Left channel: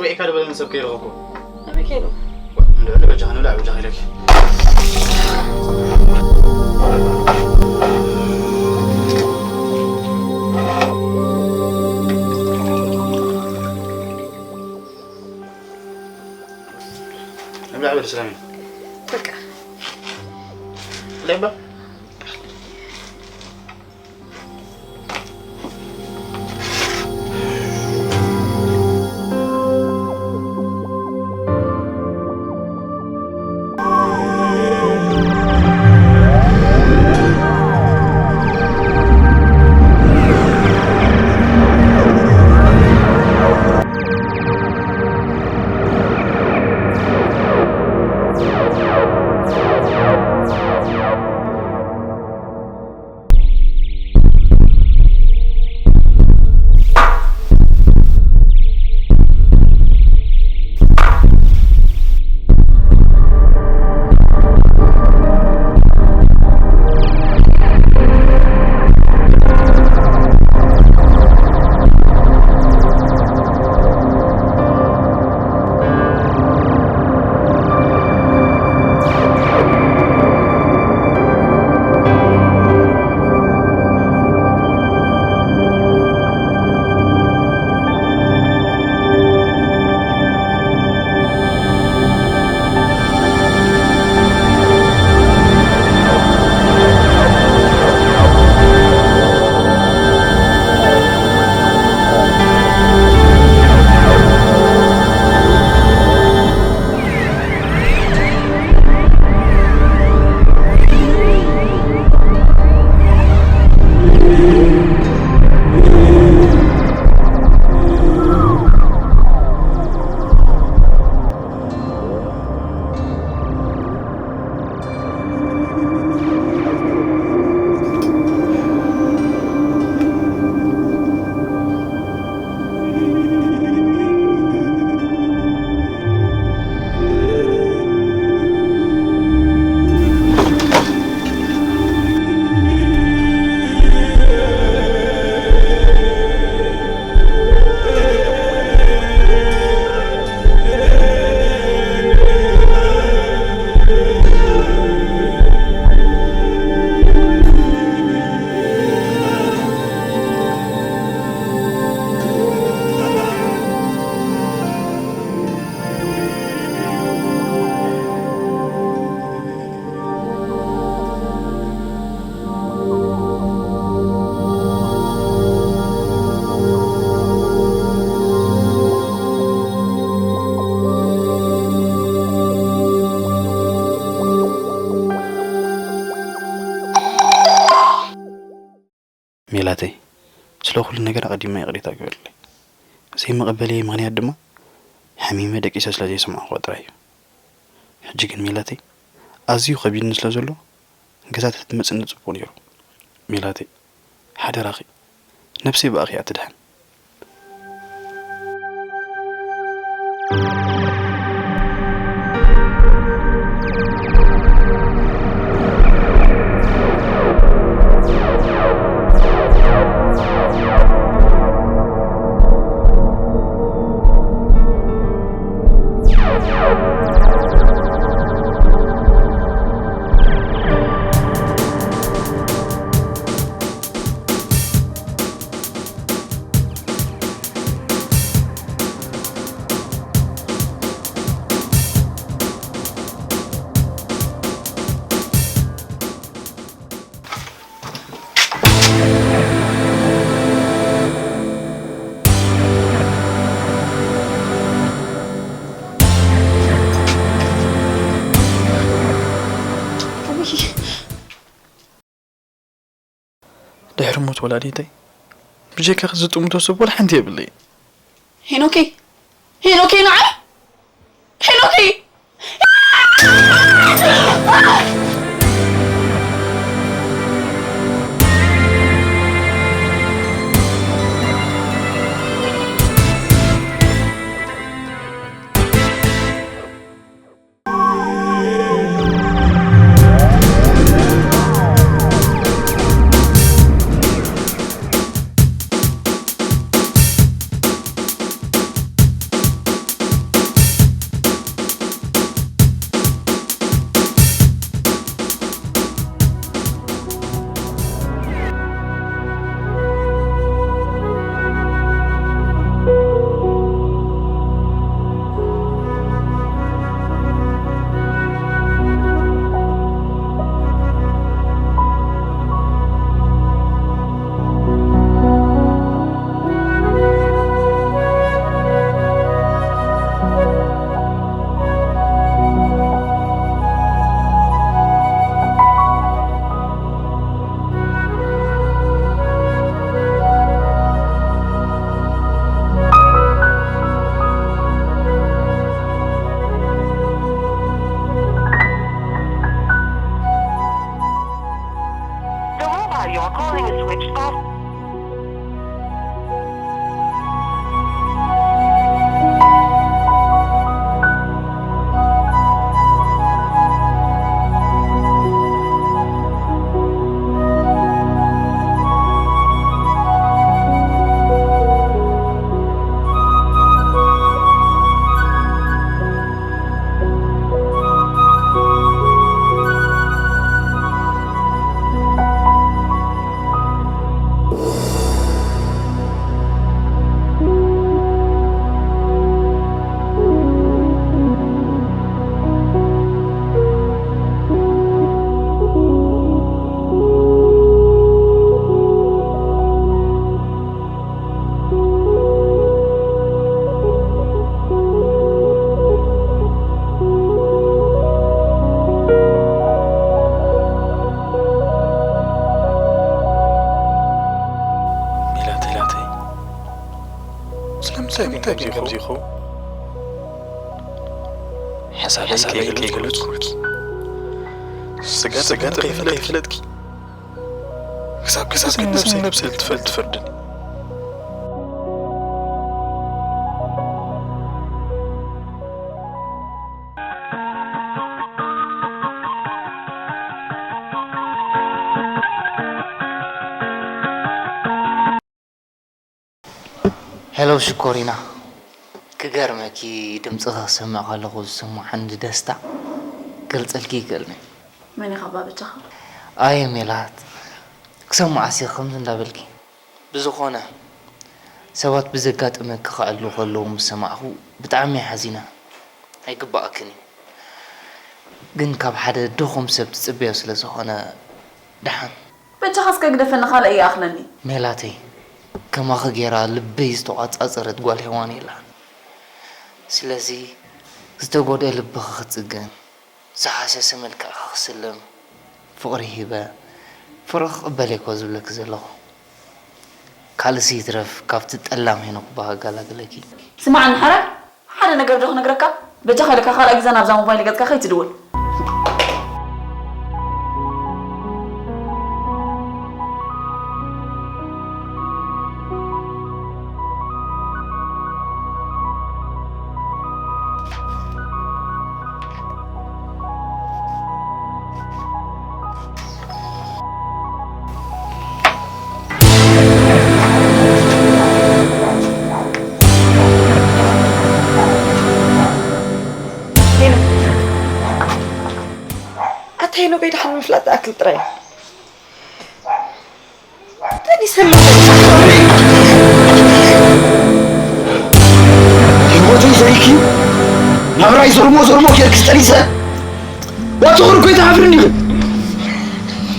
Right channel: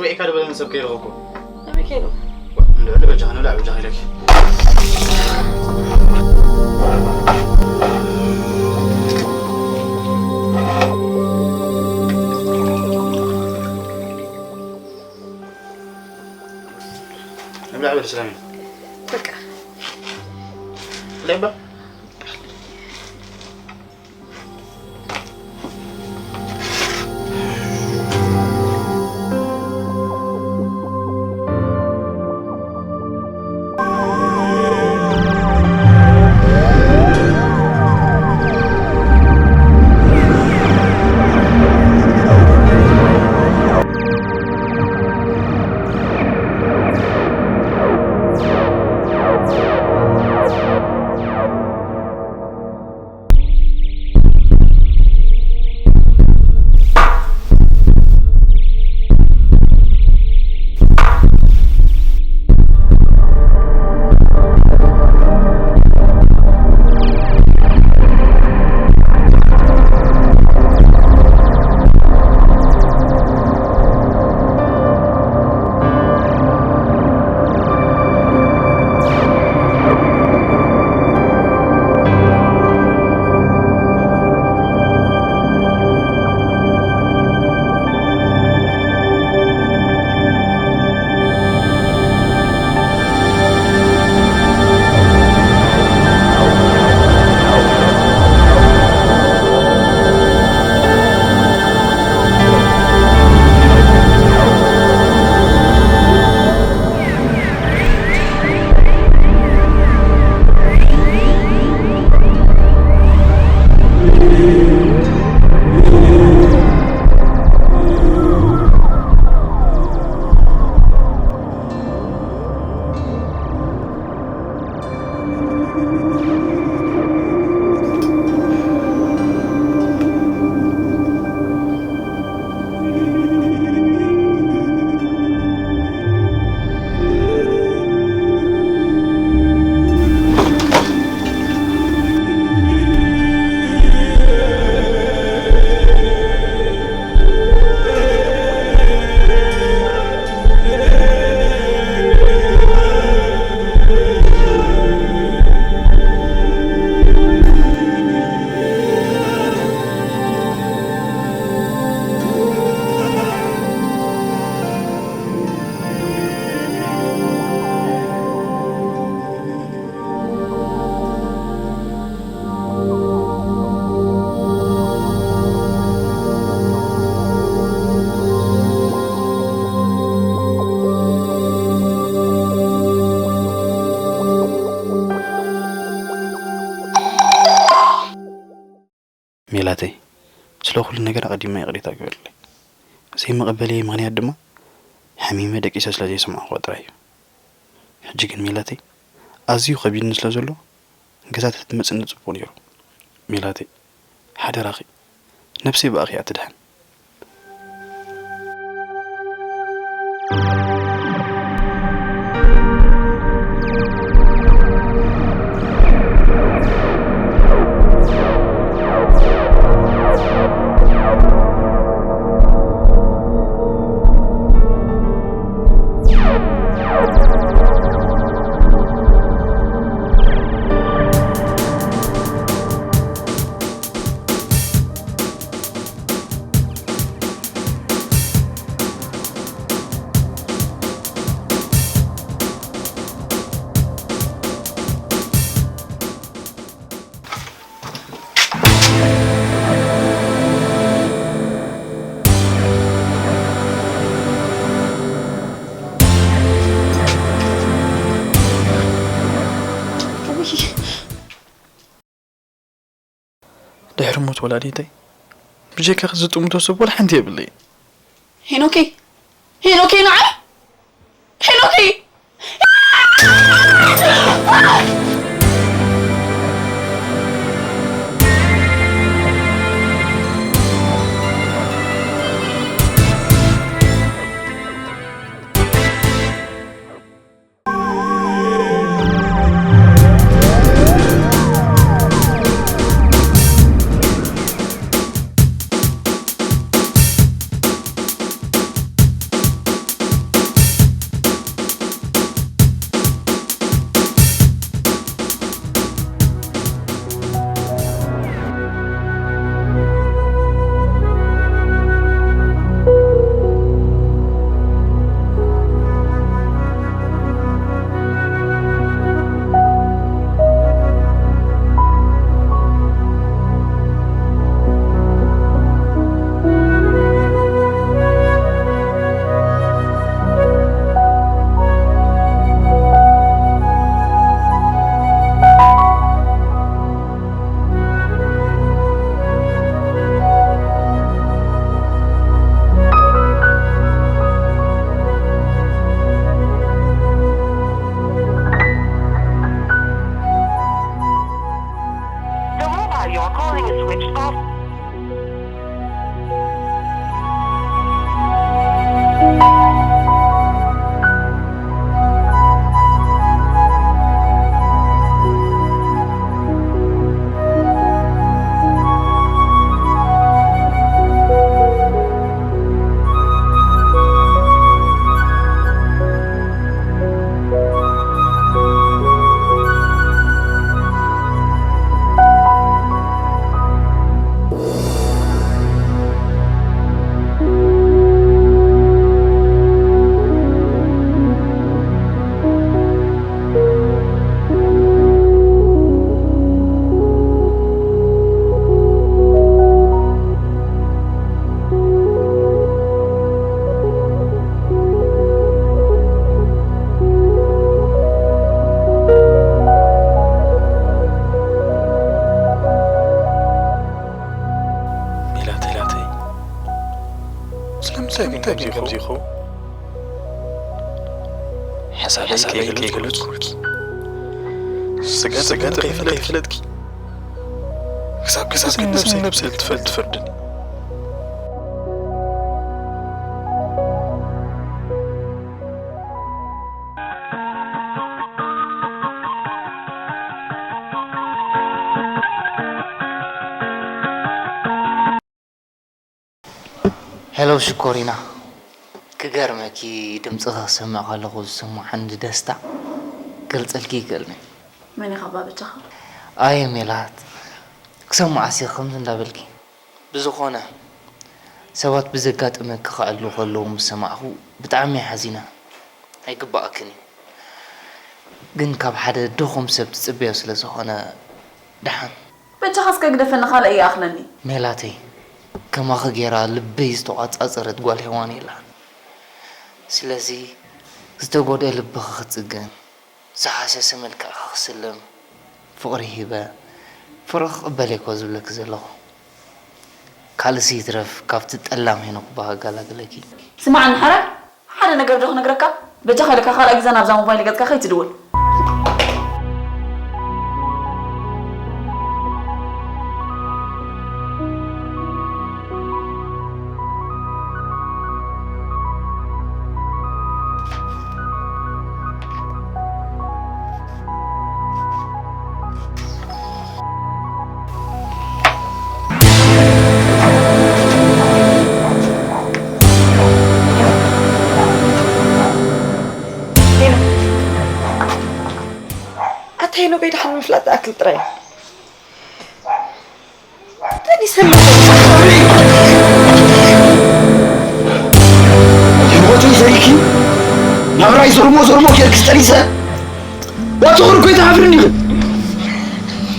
صبي كذا بدنا نسوي كيلو هوكو أبي كيلو لا بجهنا لا بجهنا لك نلعب الإسلامي بقى لعبة ميلاتي سلو كل نجار قديم ما يقدر تقول لي زي ما قبلي مغني هدما حميمة دقيسة سلازي سمع خاطري حجيكن ميلاتي أزيو خبير نسلازلو جزات تمس نصبون يرو ميلاتي حدا راخي نفسي بأخي أتدهن دحرموت ولاديتي بجيك خزت ومتوسب ولا حنتي باللي هينوكي نعم هينوكي كم زيخو حسابي كي قلت سقات فلتك كساب نفسي تفردني هلو شكورينا كجرمكي دمصها سمع خلقو سمع عند دستا قلت لكي قلني ماني خبابتها اي ميلاد كسمع عسي خمس ندابلكي بزخونه سوات بزقات امك خعلو خلو مسمعه بطعمي حزينه هيقباكني ግን ካብ ሓደ ድኹም ሰብ ጽብያ ስለ ዝኾነ ድሓን بتخص كقدفنا خال اي اخلني ميلاتي كما خجيرا لبي استوعصرت قال هوان يلا سلازي استغود لبخ خصغن صحاسه سملك خسلم فقري هبه فرخ بالك وزلك زلو كالسي ترف كافت تطلام هنا بها غلاغلكي سمع عن حرق حدا نغير دخ نغركا بتخلك خال اجزنا بزا موبايل قد كخي تدول هينو بيد حن فلات أكل ترى تاني سلم يموتوا يزريكي نبراي زرمو كيرك ستريسة واتغر كويت عفرني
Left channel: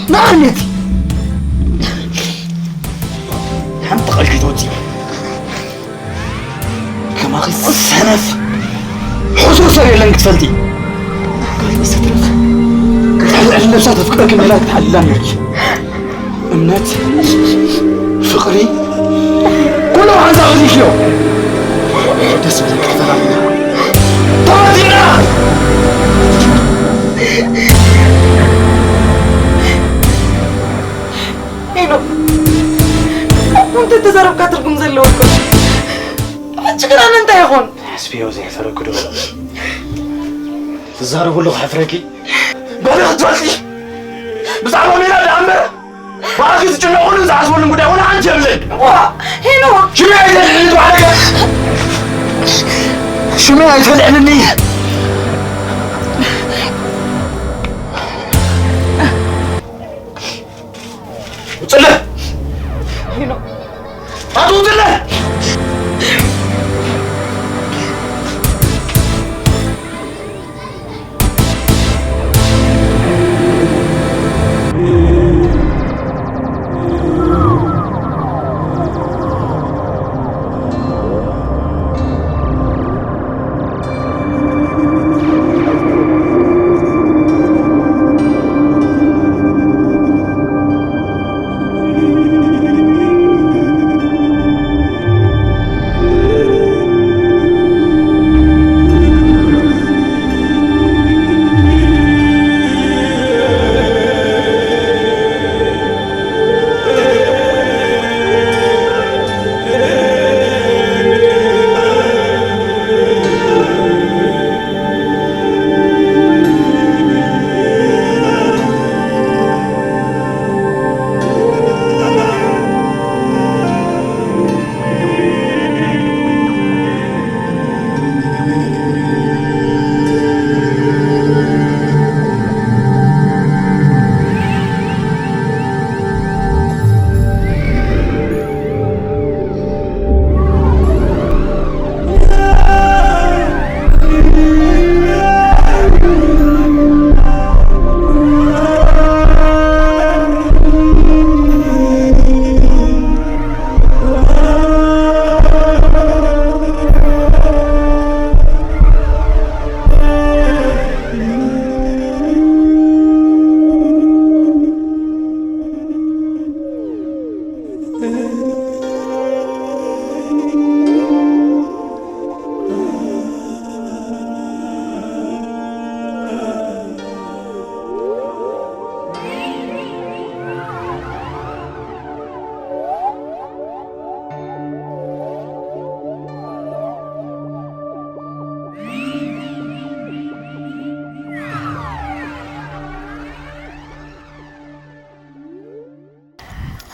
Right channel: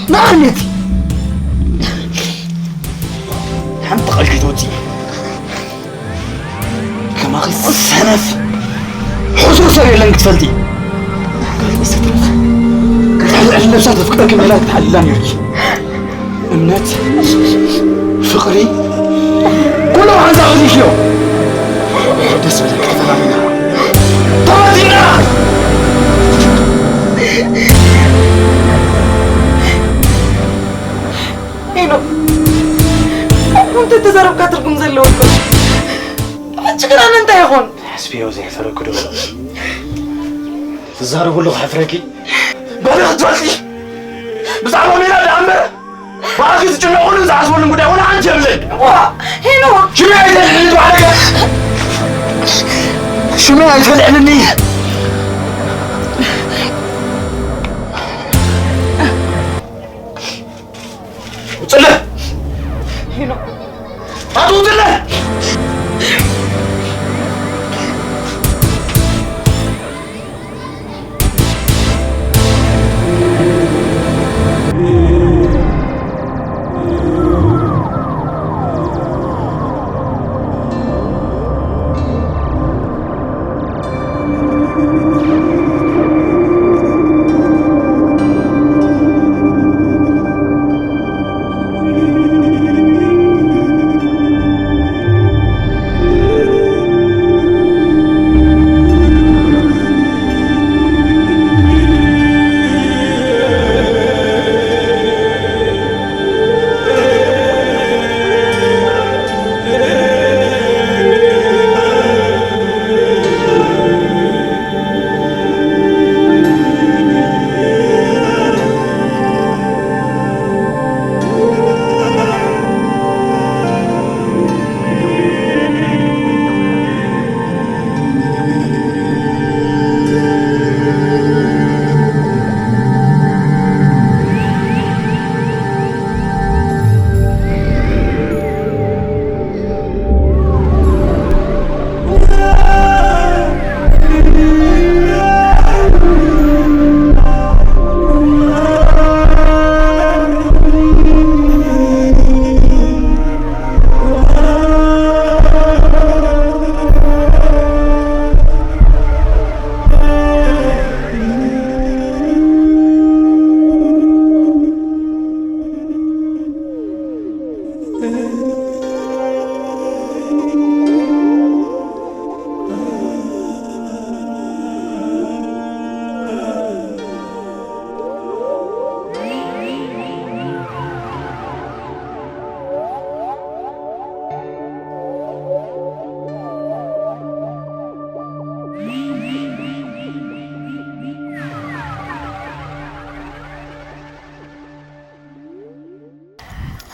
ناخنتي حمت قلقي توتي كما غيص السنف حصوصا يلنك تفلتي قايد استدرف على نفسها تفكرك إن لا تتحلم يرجي أمنات فقري كله عن زغلي شلو دس بدك تفهمنا طردنا هينو كنت تزارب كاتركم زلوكم شكرا انت يا خون حسبي وزي حفرك دو تزاربوا له حفركي بلغ تولي بزعروا ميلا دعمر باقي تجنقون زعسوا المدى ولا عن جبلك هينو شو ما يتلعنوا عليك شو ما يتلعنني وصله هينو وصله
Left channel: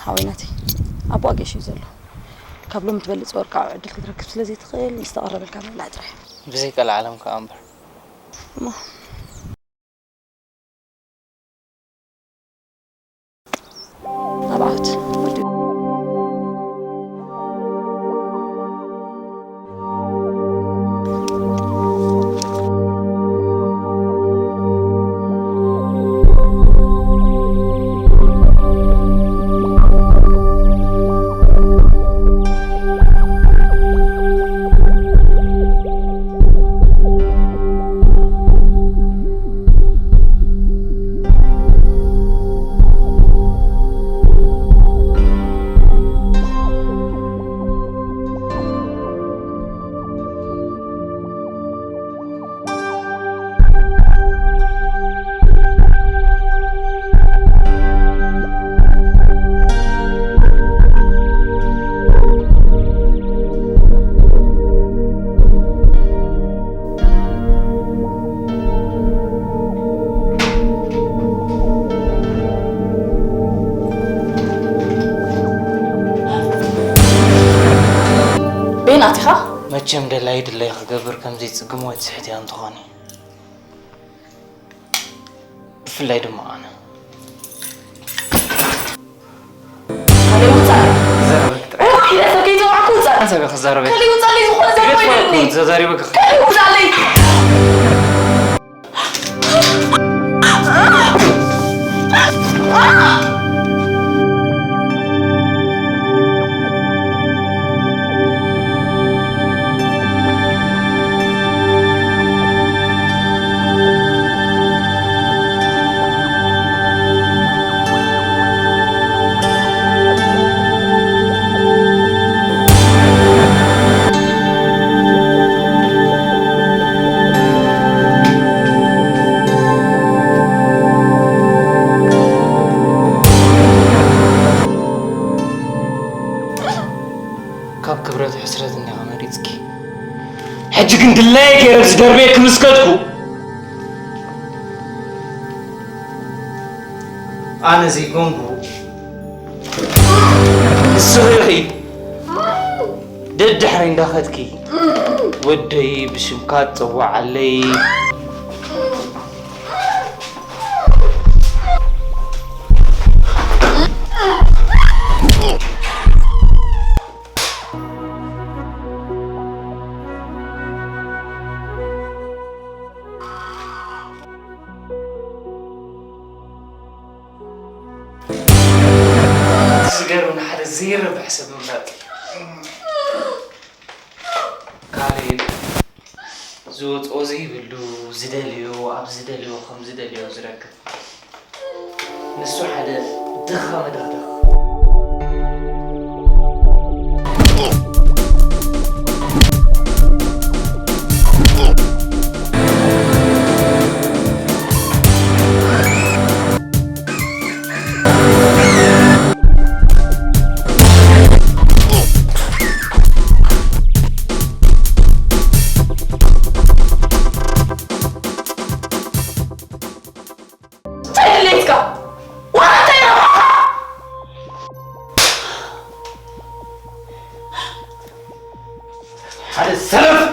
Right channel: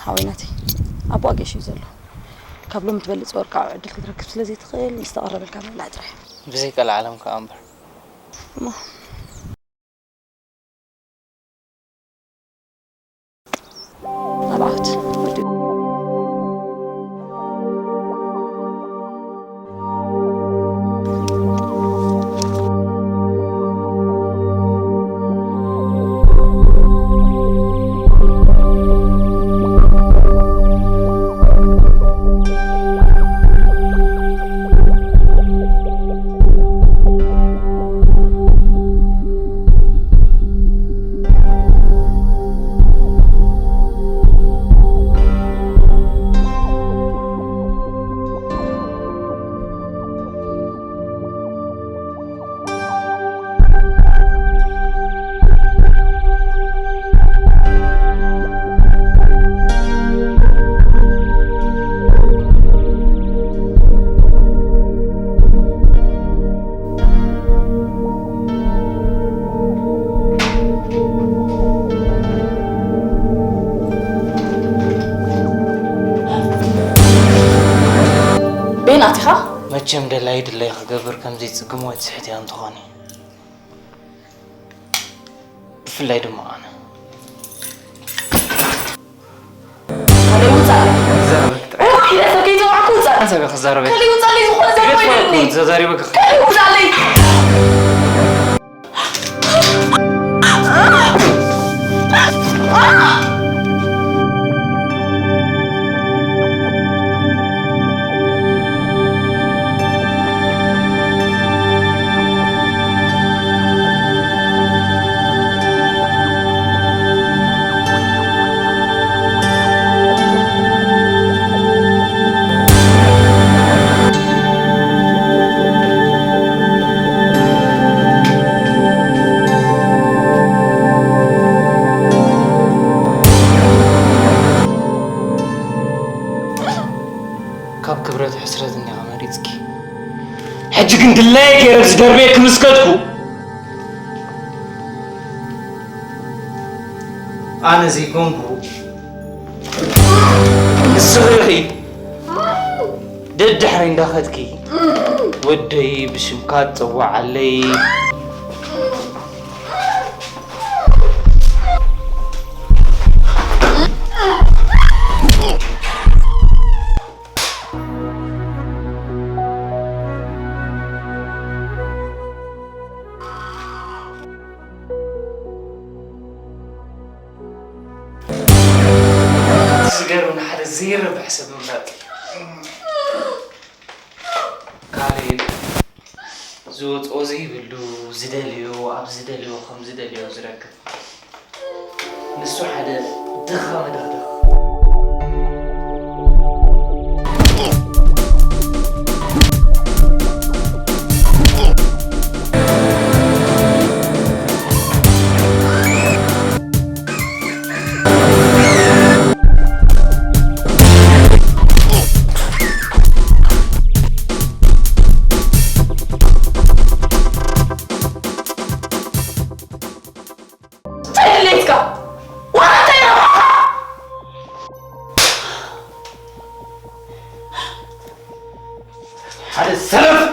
حويناتي أبو أجيش يزله قبل ما تبلد صور كعب عدل كتركب سلازي تخيل يستقرب الكامل لا ترح بزيك العالم كأمبر ما أبعت ماتشم دلايد اللي يخبر كم زيت سقموات سحتي أنتخاني في الليل ما أنا خليه وصل زربت إذا سكيت معك وصل أنا سبي خزاربت خليه وصل لي زخون زربت زاري بك خليه وصل لي كاب كبرت حسرت إني عمريتكي حجك انت لايك يا ربز دربيك مسكتكو أنا زي كونغو الصغيري دد حرين داخدكي ودي بشمكات طوع علي تسجرون حد زير بحسب مبادئ كاريب زوت أوزي بلو زداليو أب زداليو خم زداليو زرك نسو حدا دخا مدخ هذا السلف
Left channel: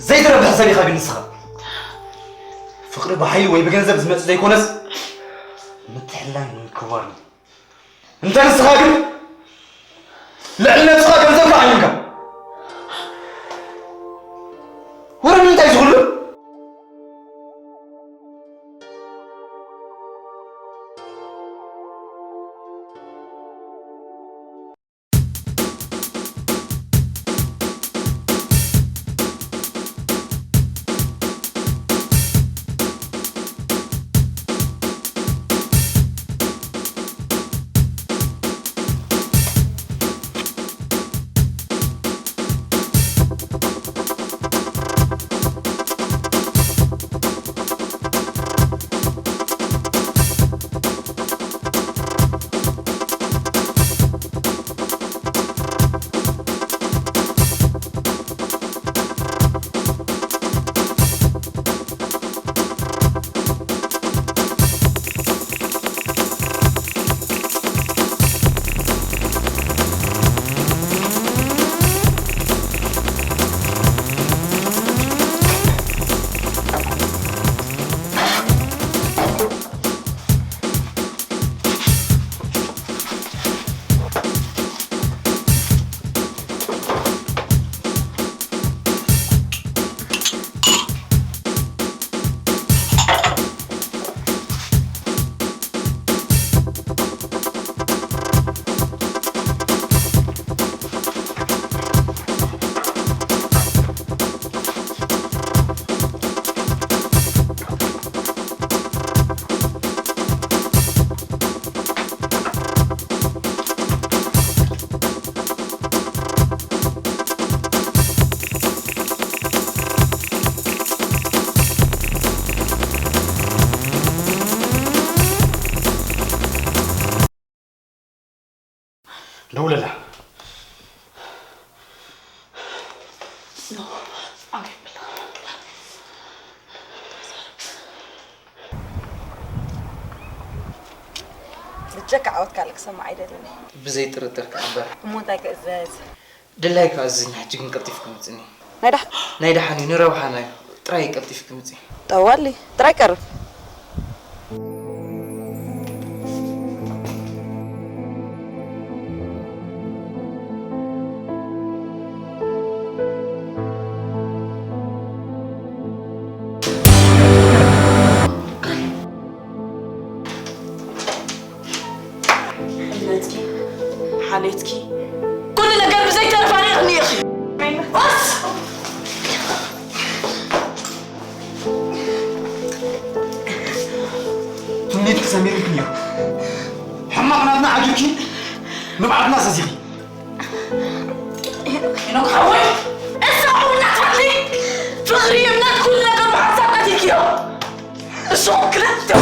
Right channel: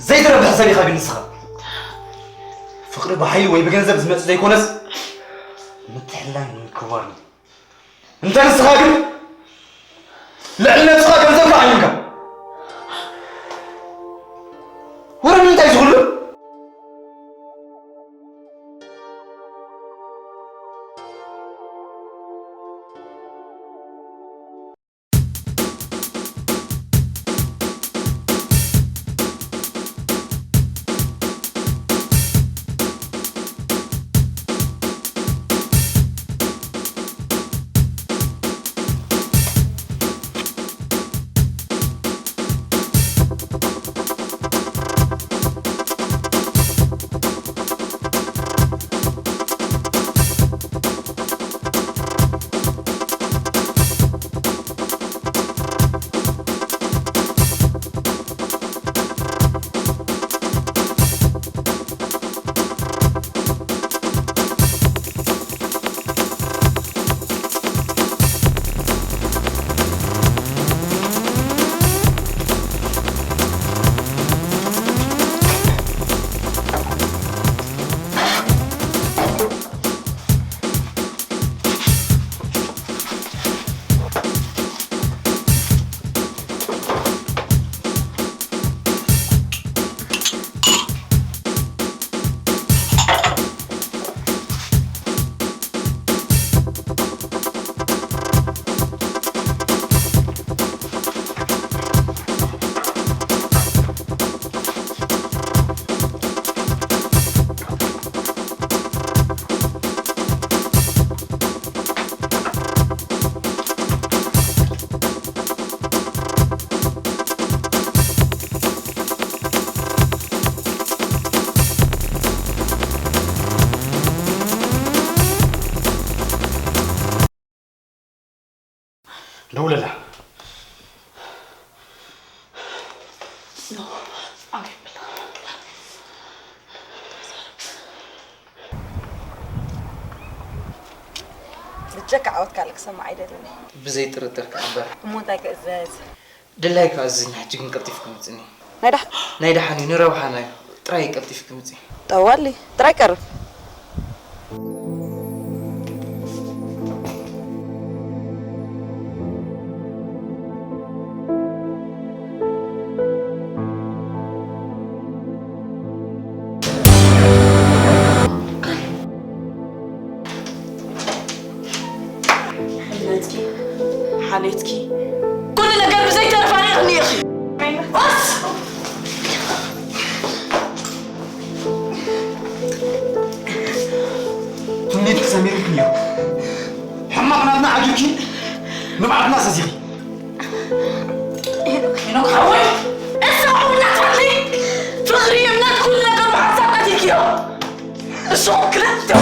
زي درب حسابي خابي نسخة فقر بحي وي بجنزب زمت زي كونس متحلان من كبارني انت نسخة قل لا نسخة جنزب بحينك ورا من انت يشغل جك عود كالك سمع عيدلني بزي ترتر كعبر مو تاك ازاز دلاي كازني حجي كنقطيفكم تني نايدا حني نروحنا تراي قطيفكم تني طوالي تراي كرف حالتكي كل نجار بزي تعرف عليه غني يا اخي بس تنيت سمير كنيو حمقنا ابن عجوكي نبعد ناس زيغي هناك حوي اسمعوا من نتفلي فغري من كل نجار بحساباتك يا الشوكلات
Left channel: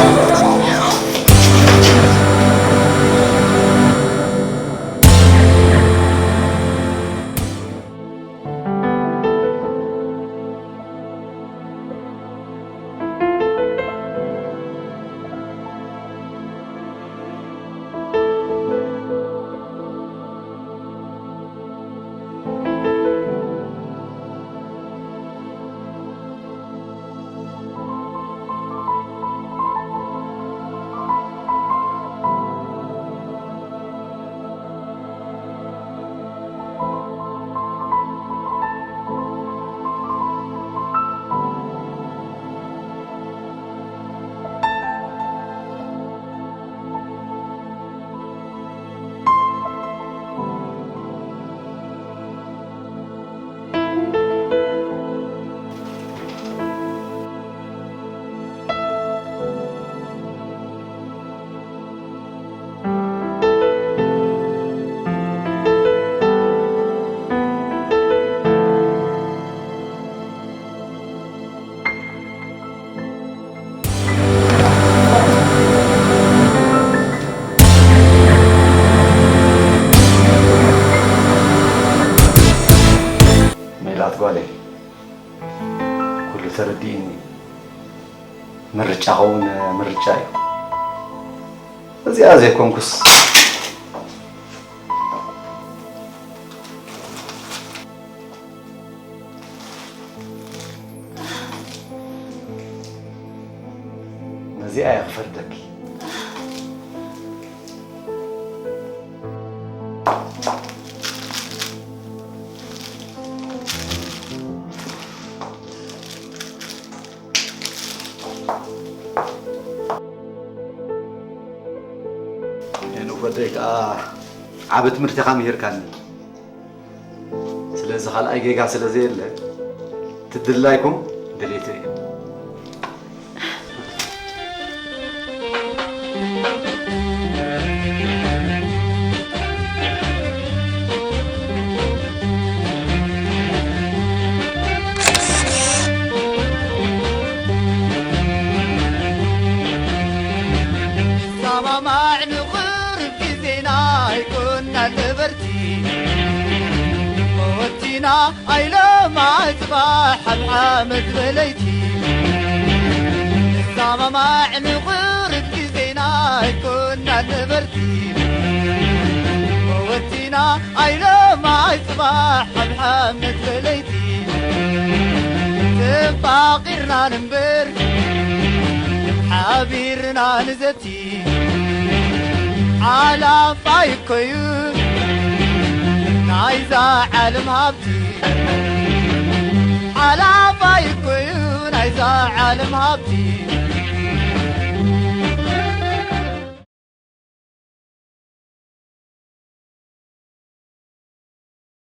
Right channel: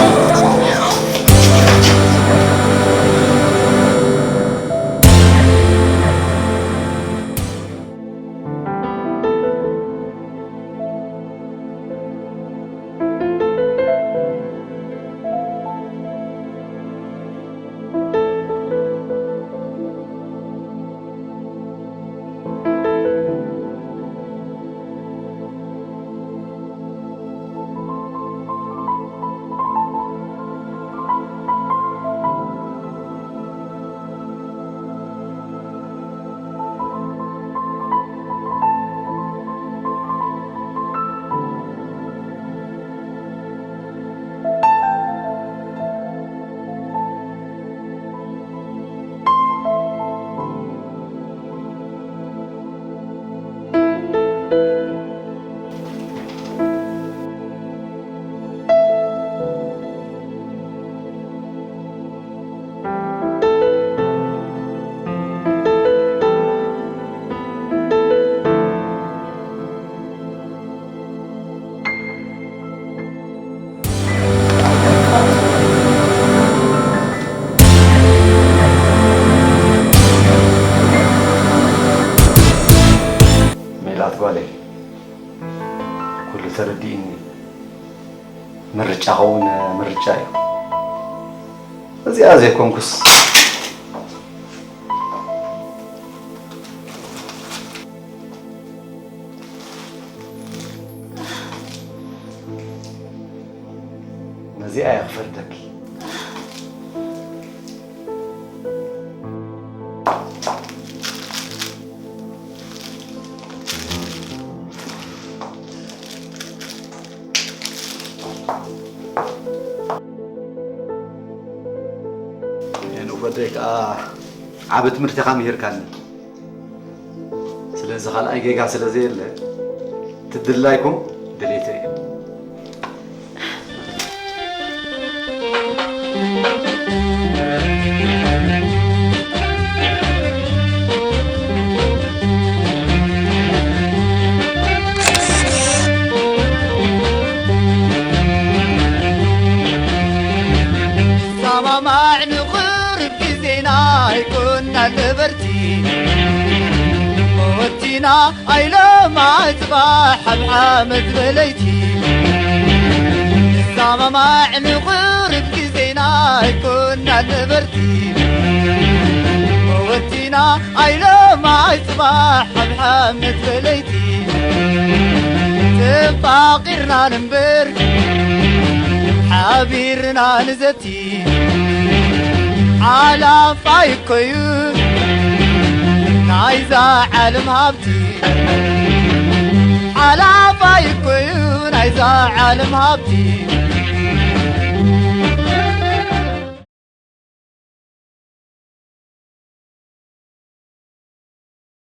قالي كل ترديني مرجعون مرجعي زي كونكس نزي يغفردك بدك عبت مرتقى مهير كان سلازي خال اي جيجا سلازي له تدلايكم دليتي موتينا أيلا ما تباح بحامد بليتي الزامة ما نغرب كزينا كنا نبرتي موتينا أيلا ما تباح بحامد بليتي تباقرنا نمبر حبيرنا نزتي على فايكويو عايزة عالم هابتي على فايكويو عايزة عالم هابتي